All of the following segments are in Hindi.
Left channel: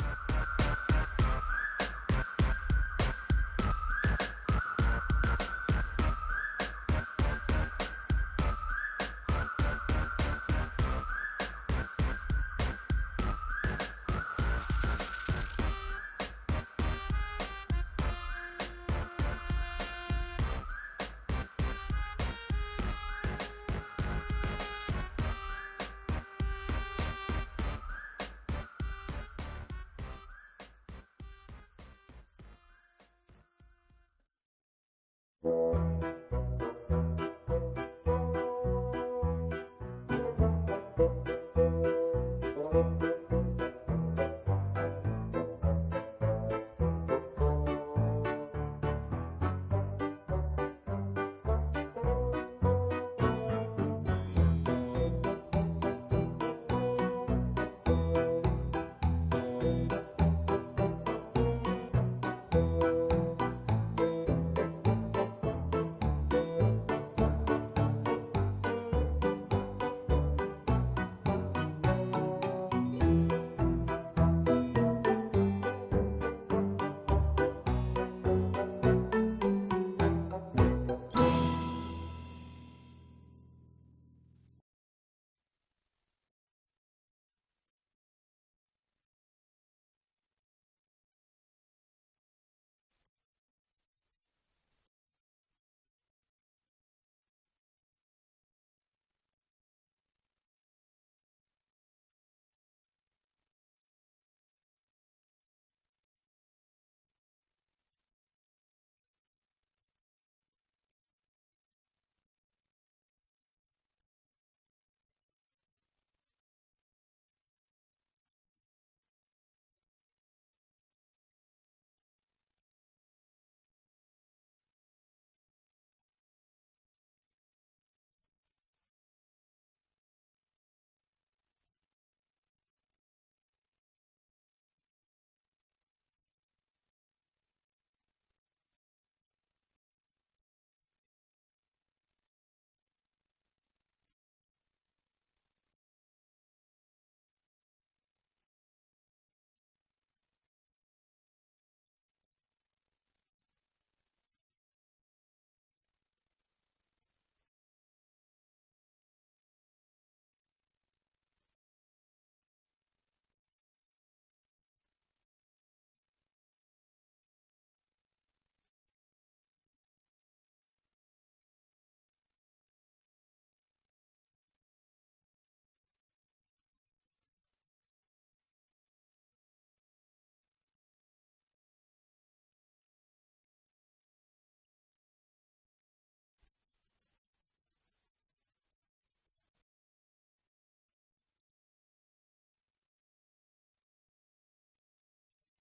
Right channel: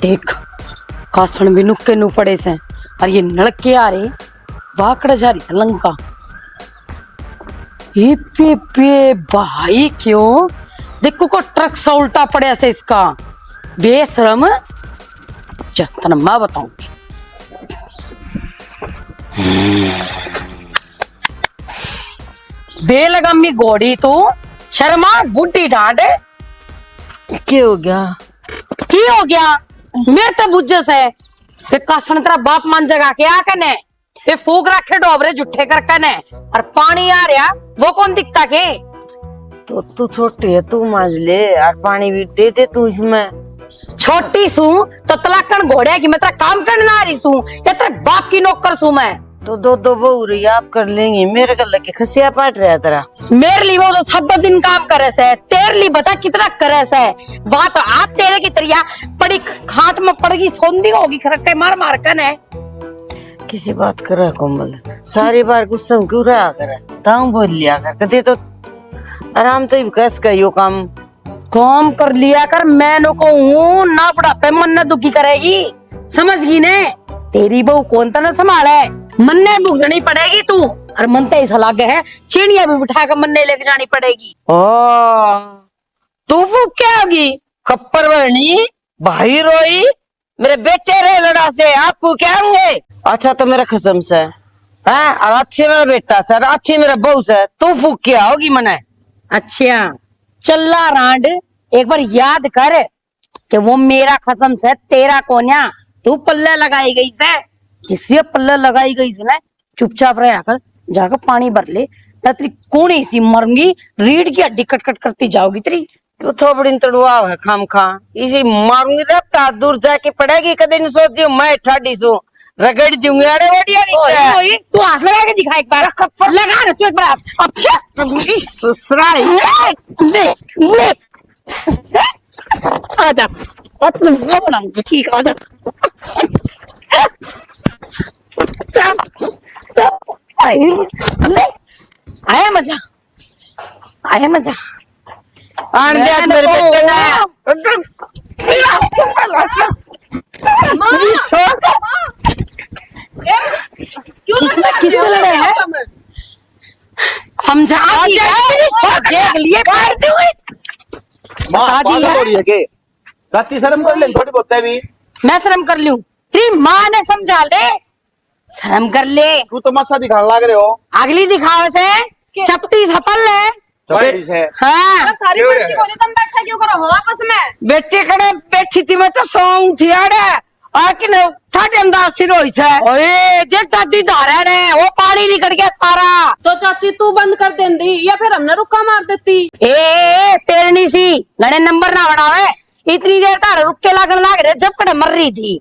देख कासण भी नुक्के नु पड़े से और ये नलके आ रहे वाकड़ जा रही लंका ये पे भाई क्यों देखो को ट्रक सा उल्टा पड़े से इसका बेशरम तना मैं बताऊंगी। बेलगमी घोड़ी तू शर्मा बुढ़ी डांट क्या हो गया? की हो गया मेरे तो बुझस है वे कासण तेरा बाप मान जगा के आ कने वे फूक रखे डोबरे जुठे कर कने और पानी आ रहा वो कौन दिखता के तो तू छोटी है, तू मांझ ले और पानी भी दे दे तू इसमें। छोटी सू तो तलाकन घोड़े की मैं तेरा काम करने ना रही सू या तेरे बाप की नौकर सू मैं तो दो बहू रही आप कर लेंगे, मेरे गल के खसिया पाट रहा तेरा। मेरे लिए वो तो सब दिन काम करे से तेरे लिए बता कितना करे से वहां तो आप तेरे की तरिया पड़ी खाट में पड़गी सोंदी होगी खरट्टे मार मार कर है किसी बात कर रहा कोमल सारी बार गुस्सा में क्यों रहा कर ताऊ बोल लिया कर कदे तो आराम तो कस का यो काम कर लिया कर मैं नो को हूँ ना बुढ़ापे मन न दुखी करेगी समझ गई ने तेरी बहू कौन ता ना संभाले मन ने भुगतनी पड़ेगी तू और मन तो ऐसा लागे है चिड़िया भी बिठा कर मन ने लेके जानी पड़ेगी। ओ तू फूक क्या होगी खप्पर बरनी भाई रोई मेरे बेटे रे लड़ा से आप फूक क्या होंगे। अच्छा तो मेरा कसम से है और अच्छे मेरा बेटा सर अच्छी मेरा बहू से तू फूक क्या होगी मने। अच्छा चल्ला रांड एक बार याद कर कि वो मेरा कसम से तेरा कोन्या तू पल्ले लगाई गई से जिससे पल्ले लगाई गई से ना चुपचाप रह कर जाकर पानी भर ले ना तेरी कोनी सी मरूंगी रीढ़ की हड्डी कट कट करती जाओगी तेरी क्यों थोबड़ी तड़ुआ है खाम खा इसी मारूंगी रफ्ता दूर जाके पड़ेगी कदे नहीं सोच मैं ठाडी सू रगड़ दूंगी अरे वडिया नहीं तू हाथ लगा के दिखा एक बार लगा ना तू एक बार अच्छा ससुराई ले ले आजा बनाऊंगी ठीक आजा आया मजा आया मजा मेरे बेटे किससे लड़े हैं समझा देख लिए काटते हुए मां हो रही है के कत्ती शर्म कर ले थोड़ी बहुत है भी मैं शर्म कर लूं तेरी माँ ने समझा ले शर्म कर ले तू तो मस्सा दिखाने लग रहे हो अगली दिखावे से चपटी सफल है चौड़ी से हाँ थारी मर्जी कोनी तुम बैठा क्यों करो हो आपस में बेटे कड़े बैठी थी मैं तो सौंग थी अरे आकिन ठाटे अंदाज सिर होई से ओए देख दादी धारा ने वो पानी निकल गया सारा तो चाची तू बंद कर देंदी या फिर हमने रुका मार देती। ए पेरनी सी लड़े नंबर ना बढ़ावे इतनी देर तार रुक के लागन लाग रहे जब कड़े मर रही थी।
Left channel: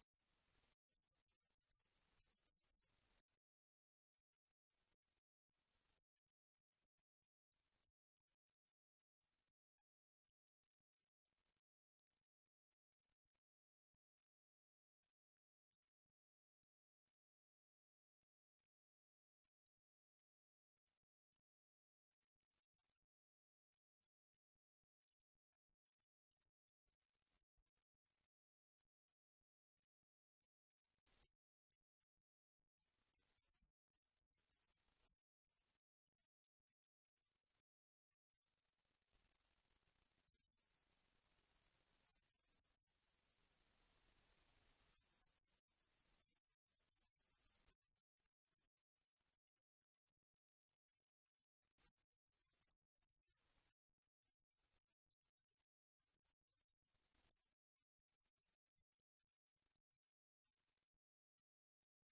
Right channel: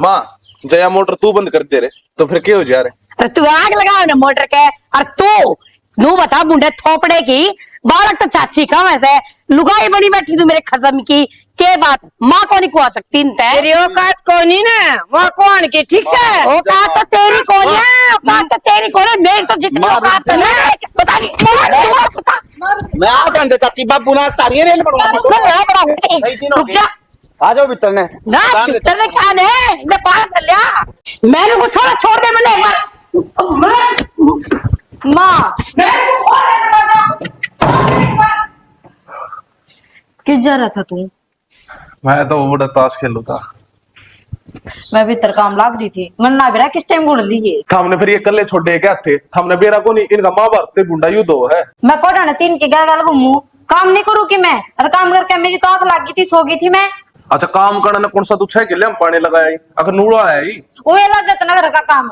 माँ जया मोटर तू बंद कर दे रहे तो फिर क्या हो जा रहे अरे तू आग लगाओ ना मोटर के और तू नू बता बुंडे थोपड़े की बालक तो चाची का वैसे लुगाई बनी बैठी तू मेरे खसम की के बात माँ को नहीं कुआ सकती तेरी औकात कोनी ना वहाँ कौन की ठीक से औकात तो तेरी कौन है औकात तो तेरी कौन है मेरी तो जितनी औकात है ना पता नहीं मैं आ कर दे चाची बाबू ना तारी रेल पड़ूंगा रुक जा आ जाओ भीतर ने ना भीतर ने क्या ने मैं पार कर लिया मैंने को छोड़ दे मैंने एक बार माँ मैंने को खोल दे दरवाजा किस जा रहा था तू? मैं तो बड़ा ताश खेलू था मैं भीतर काम लाग रही थी मन ना बेरा किस टाइम बोल लीजिए हमने फिर ये कल्ले छोड़े क्या थे हमने बेरा को नहीं इनका माँ बाप ते गुंडा युद्ध हो है मैं कोटा ने तीन के गल घूमू काम नहीं करूँ कि मैं और काम करके मेरी तो आंख लग गई थी सो गई थी मैं। अच्छा काम करना कौन सा तू 6 किले हम पानी लगाया अगर नूड़ा है ही वो अलग है नगर का काम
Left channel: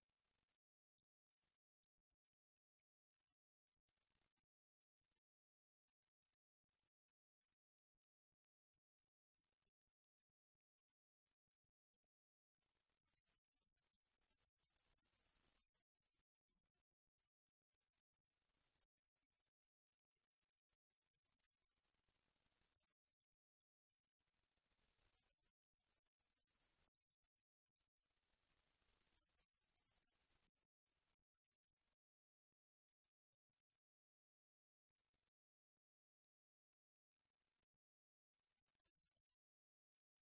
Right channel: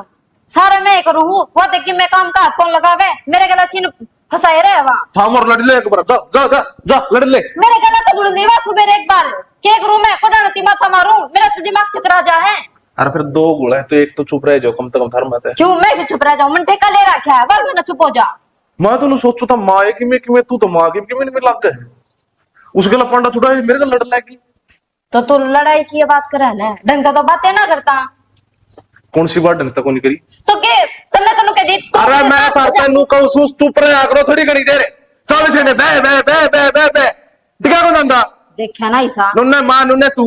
सारा मैं करूँ वो देख कि मैं काम का हाथ कौन लगावे मेरे गला सीन फंसाए रहे वहाँ थाम और लड़ ले एक बार जा जा जा जा लड़ ले मेरे गला तो गुड़ नहीं सुबह एक बार क्या करूँ मैं कोटा नती माथा मारू मेरा तो दिमाग चकरा जा है। अरे फिर 2 गुड़ है तो एक तो चुप रह जाओ कम से कम धर्म है क्यों मैं चुप रह जाऊं मन ठेका ले रखा है बस ना चुप हो जा। मैं तो सोचू था माँ की में कि मैं तू तो माँ की में लग गए उसके लिए पंडा छुड़ा मेरे को लड़ लगी तो तू लड़ाई की बात करे ना ढंग तो बातें ना करता कौन सी बात ढंग तक नहीं करी तो के तन्ने तन्नू के दी अरे मैं करता नु कहूं सुस चुप रहा करो थोड़ी घड़ी देर चल छेने बे बे बे बे बे बे दिखा को नंदा देखा ना ऐसा नुन्ने मां नुन्ने तू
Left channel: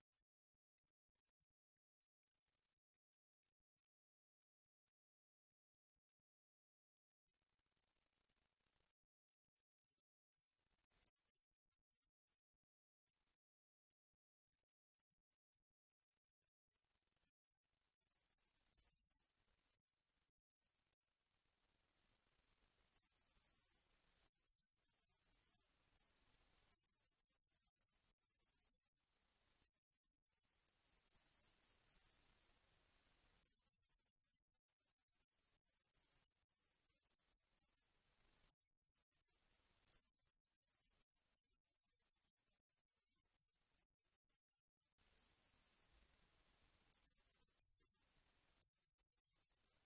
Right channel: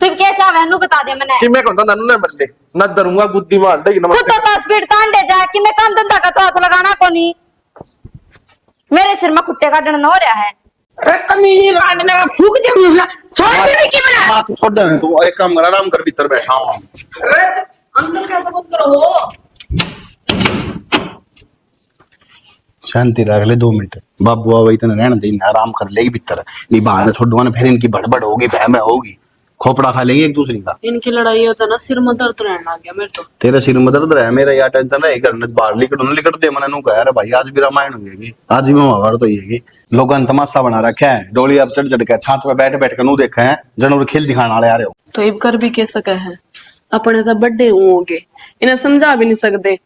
तू क्या चाहे नु बता दे मैंने कि मैं कहता नन्नू ने मर ले ना डरूंगा बुद्धि मार देगी खुद नमस्ते तो 10 स्पीड तांडे जा कि मैं काम धंधा का तो हाथ लगाना को नहीं मेरे सिर में कुत्ते का डंडा हो रहा है। अरे कमीनी रांड ने मैं फूक दे दूसरा छोड़ दे की बना। माँ तू छोड़ दे तू एक काम कर आराम कर भीतर बैठा हूँ अरे अंदर क्या मत करो हो। शांति रख ले 2 मिनट बाबू आ इतना रहने दे आराम कर लेगी भीतर नहीं बाहर छोड़वा ना फिर इनकी बड़बड़ होगी बहम होगी खोपड़ा खा लेंगे एक दूसरे का। इनकी लड़ाई होता ना सिर में दर्द रहने लग गया मेरे तो। तेरा सिर में दर्द रहा मेरा यार टेंशन रहा घर में बाहर लिकट दे मैंने कहा यार भाई आज भी रामायण होगी आज भी महाभारत होगी। लोगों ने तमाशा बना रखा है डोली अब चढ़ के छात पे बैठ कर नू देखा है जनवर खेल दिखाने वाले आ रहे हो। तो इब कर भी कह सके है अपने तो बड़े होंगे इन्हें समझा भी नहीं सकते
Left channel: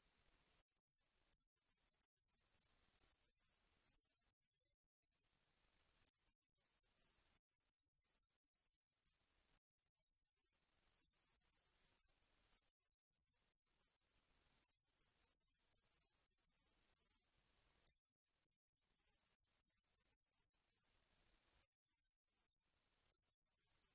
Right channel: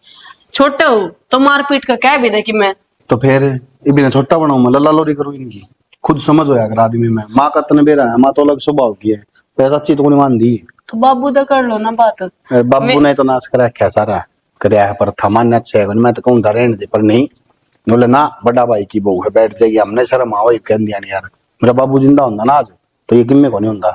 छोटे हो तो मारपीट का कह भी दे कि मैं तो फिर इबी छोटा बनाऊ मैं लल्ला लोरी करूँ इनकी खुद समझ होया कर आदमी में माँ का तन बेरा है माँ तो अलग स्वभाव की है पैसा अच्छी तो नहीं मान दी तो बाबू दा कर लो ना बात। बाबू ने तो नाश करा क्या सारा कराया है पर था मान्य अच्छा है मैं तो कहूँ था रहने दे पर नहीं बोले ना बड़ा भाई की बहू है बैठ जाइए हमने शर्म आओ कह दिया नहीं यार मेरा बाबू जिंदा होता ना आज तो ये किम्मे को नहीं होता।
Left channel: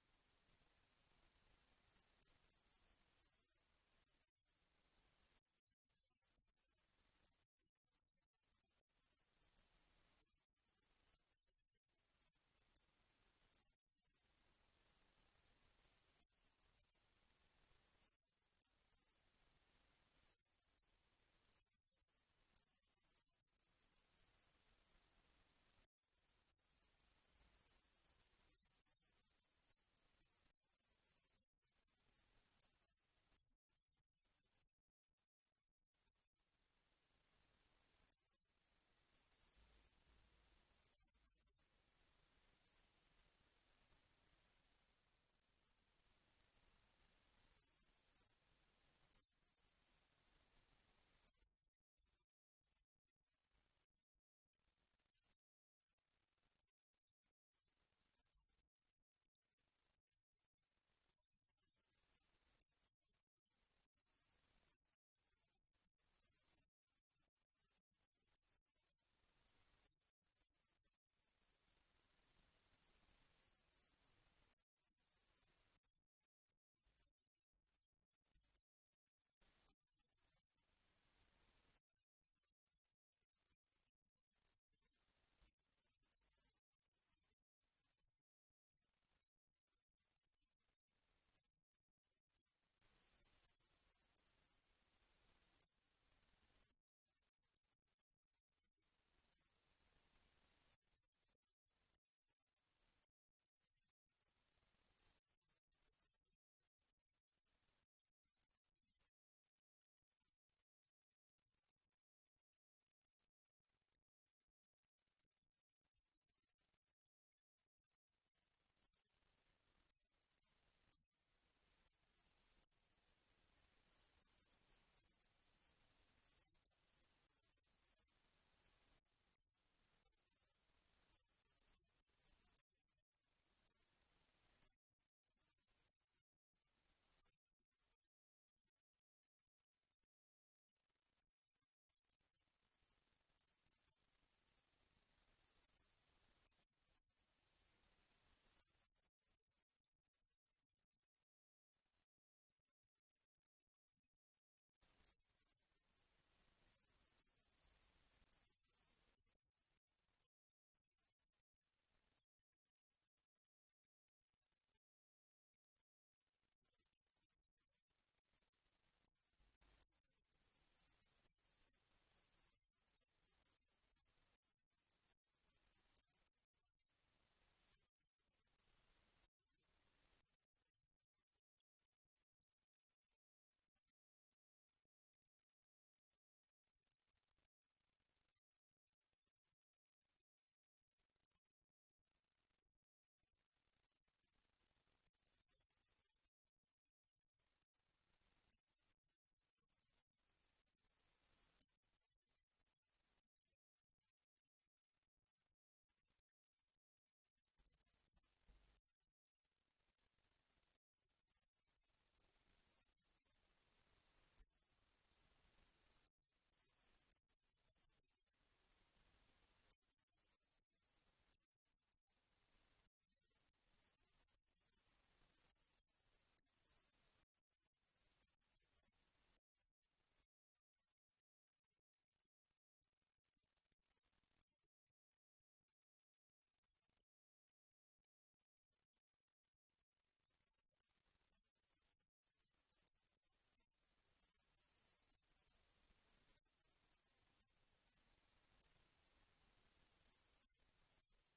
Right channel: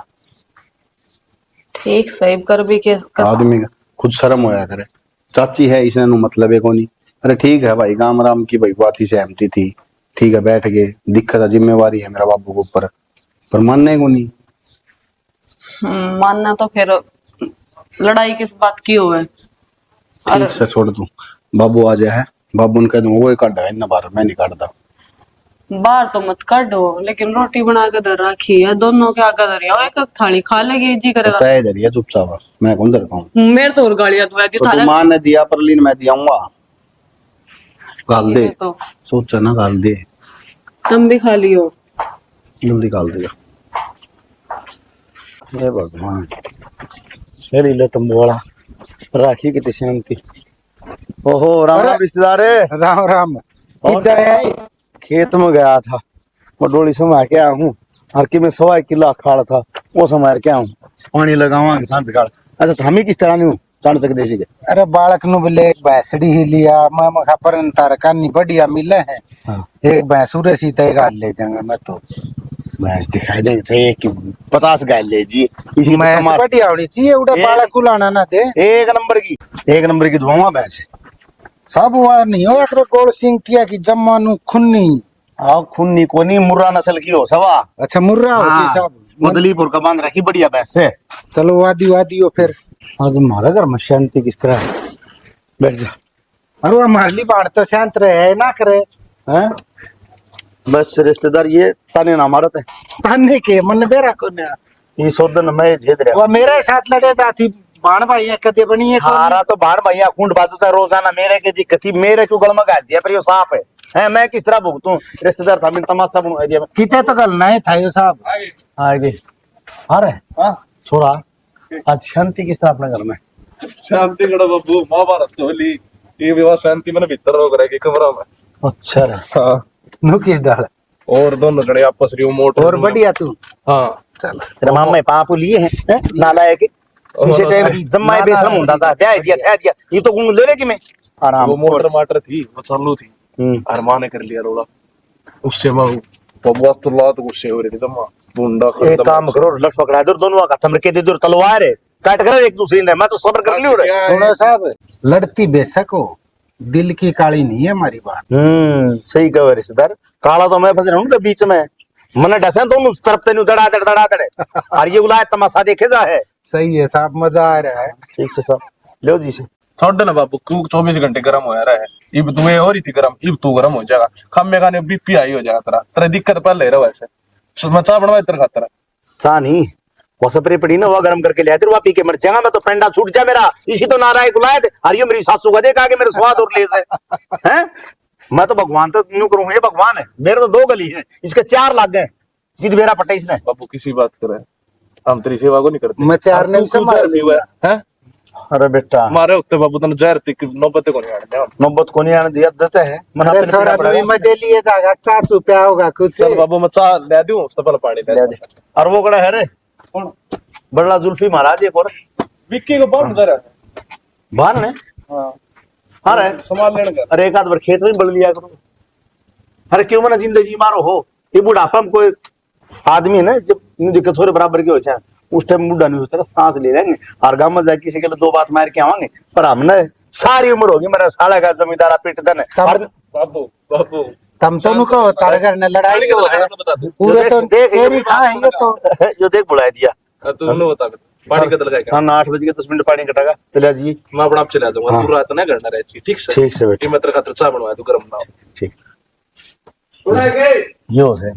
ठीक सही कर भी के आदमी का खुद शर्म होया करे चाची है इसने नु मतलब है को नहीं। अरे ठीक है भाई गाम राम की भाई बात ही सहमति थी ठीक है बैठ गए दिक्कत है जिम्मेवारी है मेरा बाबू के ऊपर पर मानने को नहीं। मानना तो फिर लड़ाई किस बात की हो है। ठीक से छोड़ दूं बाबू आ जाए बाबू ने कह दूं वो काट है ना बाहर मैं नहीं काटता। बाहर तो मत काटो लेकिन रोटी बना के दर रखी है दोनों के आगे दर एक एक थाली खा लेगी जी करेगा तो इधर ही चुपचाप मैं कौन दर कहूं मेरे तो और गालियां दुआ दी तो थारे तू मां ने दिया पर लीन मैं दियाऊंगा गाल दे तो सोचा ना गाल दे तुम भी खा लियो जल्दी गाल देगा। हे भगवान मेरी ले तुम बोला राखी की शांति। ओहो राम राम रिश्तेदार राम राम किधर है? खेत में गया था वो डोली समा के आया हूँ और कि मैं 1.25 किलो अखाड़ था वो समार के आऊँ पानी लगावा सांझ काल। अच्छा तो हम ही किस तरह नहीं जान सकते इसी के अरे बालक नु बोले एक भैंसड़ी ही लिया मैं मखा पर तारका नहीं बढ़िया मिले हैं। हाँ। एक भैंसुरे सी तय गाल ले जाऊंगा मैं तो भैंस दिखाई देंगे चाहिए कि 50 गाय ले जी इसी भैंस बढ़िया होनी चाहिए उड़ा बालक को लाना ना दे एक नंबर की धुआं भैंस सब हुआ नहीं हो एक गोल सिंह किया कि जम्मा नु खुन्नी आओ खूनी कोनी मुर्रा नस्ल की हो सवा। अच्छा मुर्रा होती सब मदलीपुर का बांध रखी बढ़िया भैंस है। चलो वादी हो फिर हाँ तुम्हारा घर में शांति किस तरह है? बैठ जा। अरे हमारे लिए बाढ़ तो शांत रहे ना करे हैं बस रिश्तेदार ये ताने ना मारत है ताने के मन बेरा को ना ये सोदन मैं झेद रहा वो मेरे साथ लड़े जाती बाण भाई कदे बनी है हारा तो बाहर भैया खूंड बाजू से रोजाना मेरे के दिक्कत थी मेरे को गल में गाल दिया पर ये साफ है हैं मैं किस तरह भुगतूं रिश्तेदार था मैंने तमाशा बनवा दिया किते तो गल नहीं था यो साहब आगे अरे हां छोड़ा आज शांति किस तरह अपने घर में शांति गड़ा बाबू महाभारत होली ये विवाह शांति मैंने भीतर रोक रहा है कमरा में। अच्छा रे हाँ नु किस डाल और दोनों जने आपस रिमोट और बढ़िया तू हाँ चल तेरे मामा पापू लिए हैं नालायक इसे टाइम की जम्मा बेशरम होता था ब्याह दिया था दिया ये तो गुंग ले रे कि मैं आराम वो मोटर माटर थी वो चालू थी अरमान ने कर लिया रोड़ा उससे मैं बबुआ तो लात गुस्से हो रही थी तम्मा बुंडा एक काम करो लट पकड़ा दो दोनों का थमर के दे दो तलवार है काट कर एक दूसरे ने मैं तो सब्र कर लियो रे सुनो साहब लड़ती बेशक हो दिल की काली नहीं है हमारी बात सही कहो रिश्तेदार काला तो मैं फंस रहा हूं उनके बीच में मने डसे तो उस तरफ तेनु दड़ा दड़े और ये उलाय तमाशा देखे जा है सही है साहब मजा आ रहा है ठीक से सब लो जी से छोड़ ना बाबू तू 24 घंटे गर्म हो रहा है इब तू हो रही थी गर्म इब तू गर्म हो जाएगा खामे खाने बीपी आई हो जाएगा तेरा तेरा दिक्कत पहले रहा वैसे मैं चाह बनवा तेरा खातर चा नहीं वो सपरे पड़ी ना वो गर्म करके ले आते पी के मर जाएगा मैं तो पेंडा छूट जा मेरा इसी तो नाराय गुलाय थे और ये मेरी सासू का देखा कि मेरे स्वाद और ले से हैं मैं तो भगवान तो न्यू करूंगा ये भगवान है मेरे तो 2 गली है इसके 4 लाग गए जिद मेरा पट्टा इसने बाबू किसी बात करे हम तेरी सेवा को नहीं करते मैं 4 ने संभाल हुआ है अरे बेटा मारे उत्ते बाबू तने जहर तिक नौबत को नहीं आने दे नौबत को नहीं आने दिया जचा है मन अरे अपने छोरा पीड़ा भी मजे लिए जाएगा चाचू क्या होगा कुछ चल बाबू मैं चाह ले दूं उससे पहले पानी ले दे और वो कड़ा है रे कौन बड़ा जुल्फी महाराज एक और विक्की को बाहर नजर है बाहर ने हां हाँ रे संभाल लेने का अरे एक आध बार खेत में बल लिया करो अरे क्यों मना जिंदगी मारो हो ये बुढ़ापा में कोई आदमी है ना जब दिक्कत हो बराबर की हो जाए उस टाइम मुड्ढा नहीं सोचा सांस ले लेंगे और गांव में जाके किसी के लिए दो बात मार के आवांगे। पर हमने सारी उम्र होगी मेरा साला का जमींदारा पिट दन बाबू बाबू तम तो नुको तारे घर ने लड़ाई पानी हो कितना है लगा बता दो। पूरे तो देख शेरी खा है ये तो जो देख बुला दिया तू उन्हें बता पानी कितना लगाएगा। शाम 8 बजे के 10 मिनट पानी कटेगा चलिए जी। मैं अपना आप चला जाऊंगा हाँ। तू रात ना करना रहती ठीक से। ठीक से बेटा ये मैं तेरे खातिर चाय बनवाया तू गरम ना हो। ठीक सुना के यो से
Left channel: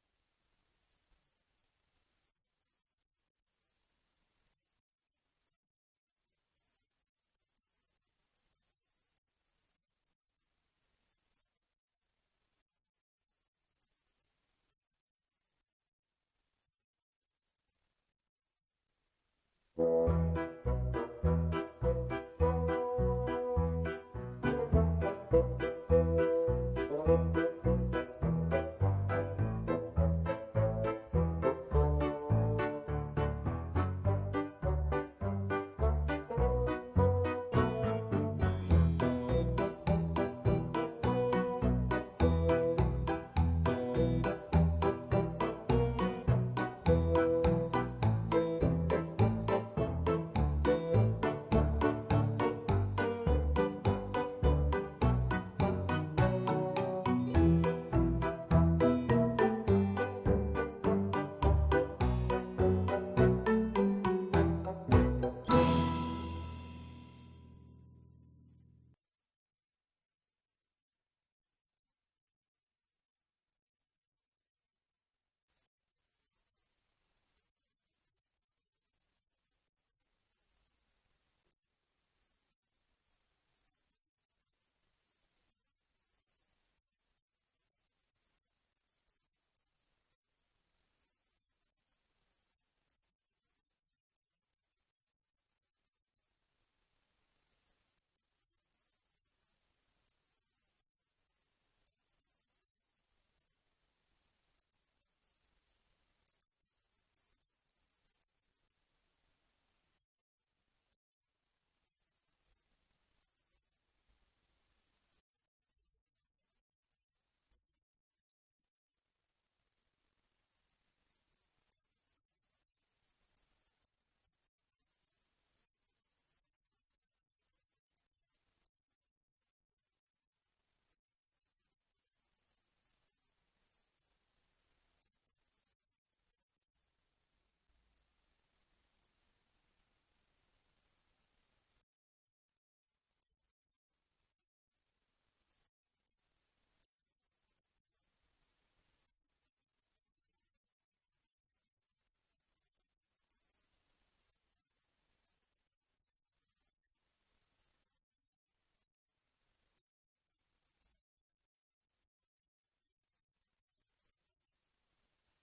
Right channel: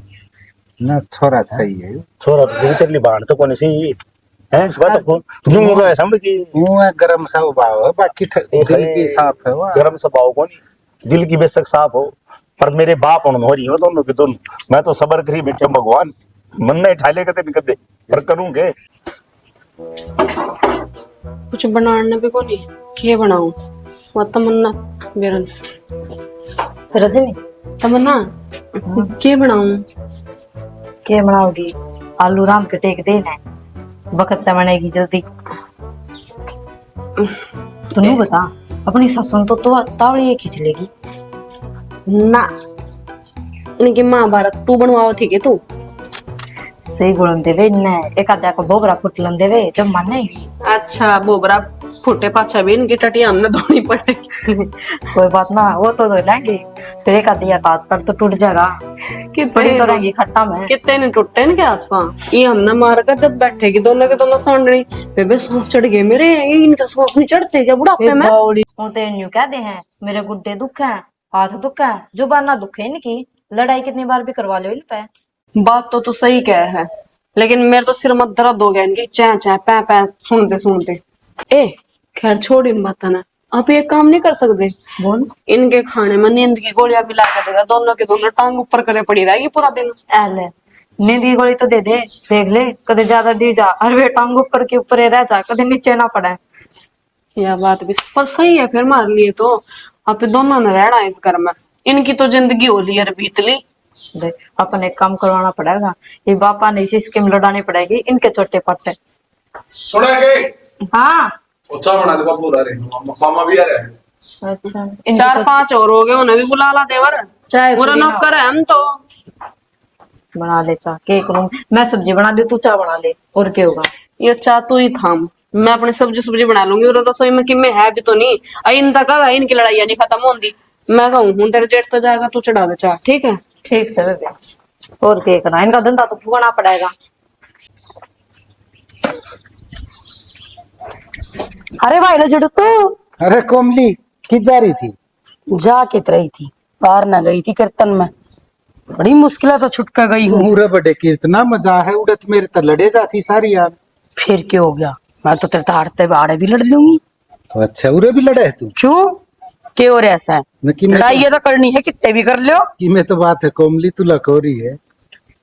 ना छोरा सही है छोरा तो सही तेरी बाण तो कोने सही है बात को तुम मुझे समझ की मुंह है गरम सा भाव है बाकी दिल की साफ है वाह गरम स्वभाव को नहीं दिल की बेशक साफ हो पर मेरे बाप उन्होंने हो रही हो दोनों के दोनों मैं तो सबर करी बैठे भगवान मन नहीं ठाले कदे नहीं कदे पर करूंगे कुछ बनाने भी को नहीं के बनाऊं वो तमन्ना बेरन रजनी तमन्ना के बनाऊं क्या बनाओगी? आलू राम के टेक देना है वक्त बनेगी जल्दी। तू बता अपनी ससुन तो तावड़ी खींच लेगी ना इनकी महाभारत तू बनवाओ थी के तू सही गुण देवे ने एक आधा को भोगरा फुटलन देवे जब मन नहीं। अच्छा बोबरा फुटे पाछा भी इनकी टटिया हमने धोनी पड़ेगी। कोई बात ना वो तो धो लेंगे फिर एक आधी हाथ पर तो टूट जाएगा बड़ी तो रहेंगी खट्टा में। कितने ने टूटे इनके हाथ पांव ये हमने मार कर जब बैठेगी दोनों के दोनों सांडनी बेबे सांस चढ़ गए मेरे इनका सांस नहीं चढ़ते क्या बुढ़ापे में। वो तो यूं कहते हैं मेरे गुड्डे दुख है हाथ दुख है जुबान ना दुख है इनकी लड़ाई कितनी बार भी करवा लो इन पे। बात तो तू सही कह है लेकिन मेरे तो सिर मत दर्द हो गया इनकी चै चै पै पै सुनते सुनते। ए खैर छोड़ इन बातों ना आप ये काम नहीं कर सकते बोल इनके खाने में नींद की गोलियां भी ला के देगा दोनों के दोनों टांग ऊपर करे पड़ी रहेगी पूरा दिन। ले नींद की गोली तो दे दे देख ले कदे ज्यादा दी जा और वे टांग ऊपर के ऊपर रह जा कदे नीचे ना पड़े। यह बात भी पर सही है फिर हमारे लिए तो आप दोनों ने रहना है इस घर में इनकी तो जिंदगी हो ली है बीत ली। देख अपन एक काम करवाना पड़ेगा ये बापा ने इसी स्कीम लड़ानी पड़ेगी इनके छोटे पट्टे। सुना के हाँ चाय बना दे बाबू रे मामा भी आ रहे हैं। अच्छा 4-5 और हो गए उन्हें भी बुला ला देवर चाय पूरा नौकर है हम तो। बना ले चाह के करूं मैं सब्जी बना लूं तू चाय बना ले और क्या होगा। ये चाह तू ही थाम मैं अपनी सब्जी बना लूंगी और रसोई में किमे है भी तो नहीं इन तक इनकी लड़ाई नहीं खत्म होती। मैं कहूँ हूं तेरे जेठ तो जाएगा तू चढ़ा दे चाह ठीक है। ठीक से बेबे और क्या करना इनका धंधा तो फूकना पड़ेगा। अरे भाई रजड़ तो अरे कोमली किस जा रही थी जा कित रही थी बाहर न गई थी कीर्तन में बड़ी मुश्किल तो छुट कर गई हूँ। पूरे बड़े कीर्तना मजा है उड़त मेरे तो लड़े जाती सारी यार। फिर क्या हो गया मैं तो तेरे ताड़ते बाड़े भी लड़ लूंगी। तो अच्छा उरे भी लड़े है तू क्यों क्या हो रहा ऐसा है मैं कि मैं लड़ाई ये तो करनी है कितने भी कर लो कि मैं तो बात है कोमली तू लखोरी है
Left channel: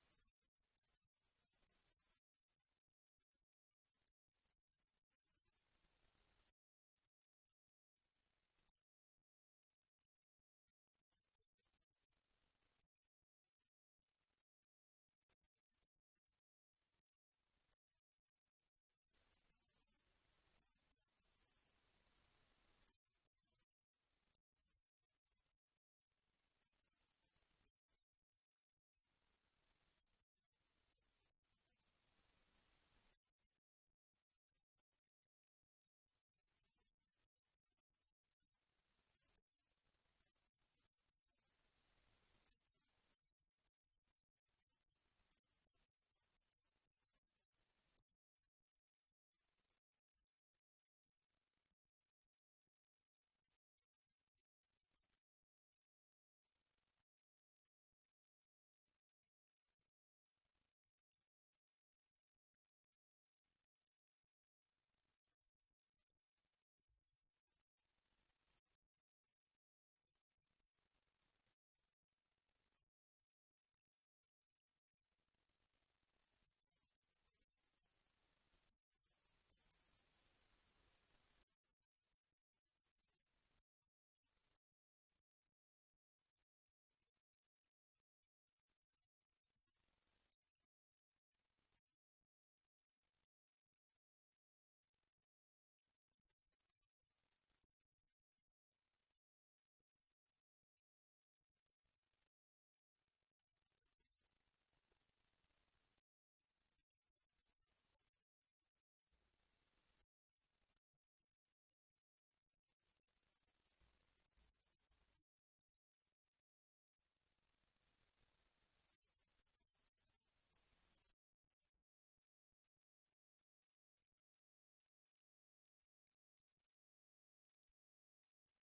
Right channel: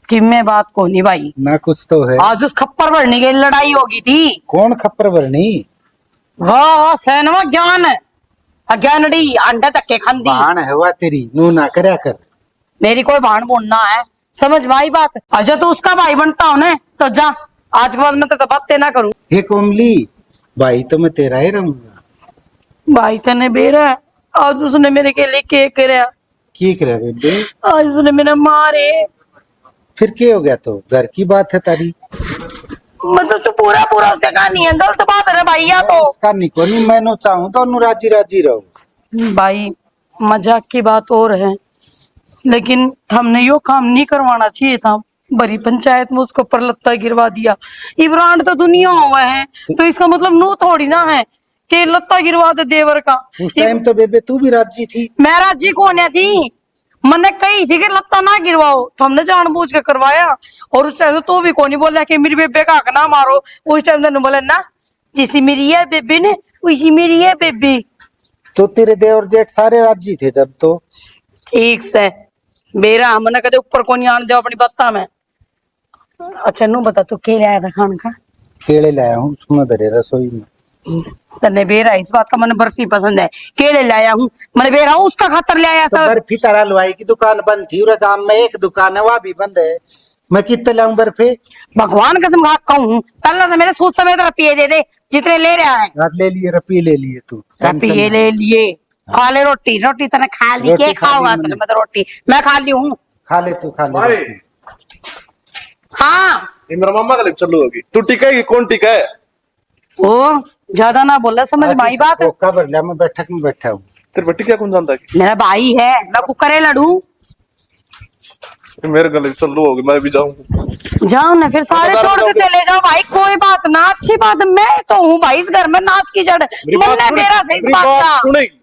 कि मैं बात को नहीं भाई ना कुछ तो है। आज उस खप्पर भरने की लड़ाई होगी थी। कौन खप्पर भरनी वाह सैनवा ज्ञान अज्ञानड़ी अंडे तक्के खांदी बहान है वा तेरी नू ना करया कर। मेरी कोई भाण बोलना है समझ भाई बात अच्छा तो उसका भाई बनता हो ना तो जा आज के बाद मैं तो बातें ना करूं। हे कोमली भाई तो मैं तेरा ही रहूंगा। भाई तने बेरा है आज उसने मेरे के लिए क्या कराया की करे बेबे आज उसने मेरे मारे फिर क्या हो गया तो घर की बात है तारी मतलब तो पूरा पूरा उसका कहानी है गलत बात है ना भाई या तो उसका निको नहीं मैं चाहूँ तो राजी राजी रहो। भाई मजाक की बात और है लेकिन हमने यो काम नहीं करवाना चाहिए था। बड़ी पंचायत में उसको पर लत्ता गिरवा दिया इब्रांड तो दुनिया हुआ है तो इसका मतलब नू थोड़ी ना है कि लत्ता गिरवा दे देवर का। उस टाइम तो बेबे तू भी राजी थी। मैं राजी कौन है थी मैंने कही थी कि लत्ता ना गिरवाओ तो हमने जानबूझ के करवाया और उस टाइम तो भी कौन नहीं बोला कि मेरी बेबे का हक ना मारो। उस टाइम तो बोले ना जैसी मेरी है बेबी ने वैसी मेरी है बेबी। तो तेरे देवर जेठ सारे राजी थे जब तो ठीक से बेरा हमने कदे ऊपर को नहीं आने दो अपनी बत्ता में। अच्छा नू बता तू क्या लाया था खाने का। केले लाया हूँ उसमें धरे रसोई में। तने बेरा इस बात का मैंने बर्फी पसंद है केले लाया हूँ मैंने बेरा उसका खातर ले आया तो सब। बर्फी तारा हलवाई की दुकान बंद थी उरे गांव में एक दुकान है वह भी बंद है मैं कितने लाऊं बर्फी। भगवान कसम खा कहूँ पहले तो मेरे सूद समेत रपिए दे दे जितने ले रहा है। रात ले लिए रपी ले लिए तू रपिए ले लिए खा ले रोटी रोटी तने खा ली रोटी के खा ली खाओगा मैंने। मैं तो रोटी मैं खा ली हूँ। खा ले तू खा ले भाई रोटी। हाँ ये मेरा मामा का लिप चल्लू होगी। तू टिकेगी कौन टिका है? ओ ज्यादा ना बोला, समझ में आई बात? कोका भर लिया, मैं बैठक में बैठा हूँ। तेरे बेटी क्या कौन जानता है? मेरा भाई है, मैं कुकरे लड़ू। कि मेरे गले चल्लू होगी, मैं भी जाऊंगा। जाओ ना फिर, सारे छोड़ के चले जाओ भाई, कोई बात ना, अच्छी बात। मैं तो हूँ भाई इस घर में नाच की जड़, मन है मेरा सही इस बात का। सुनेगी,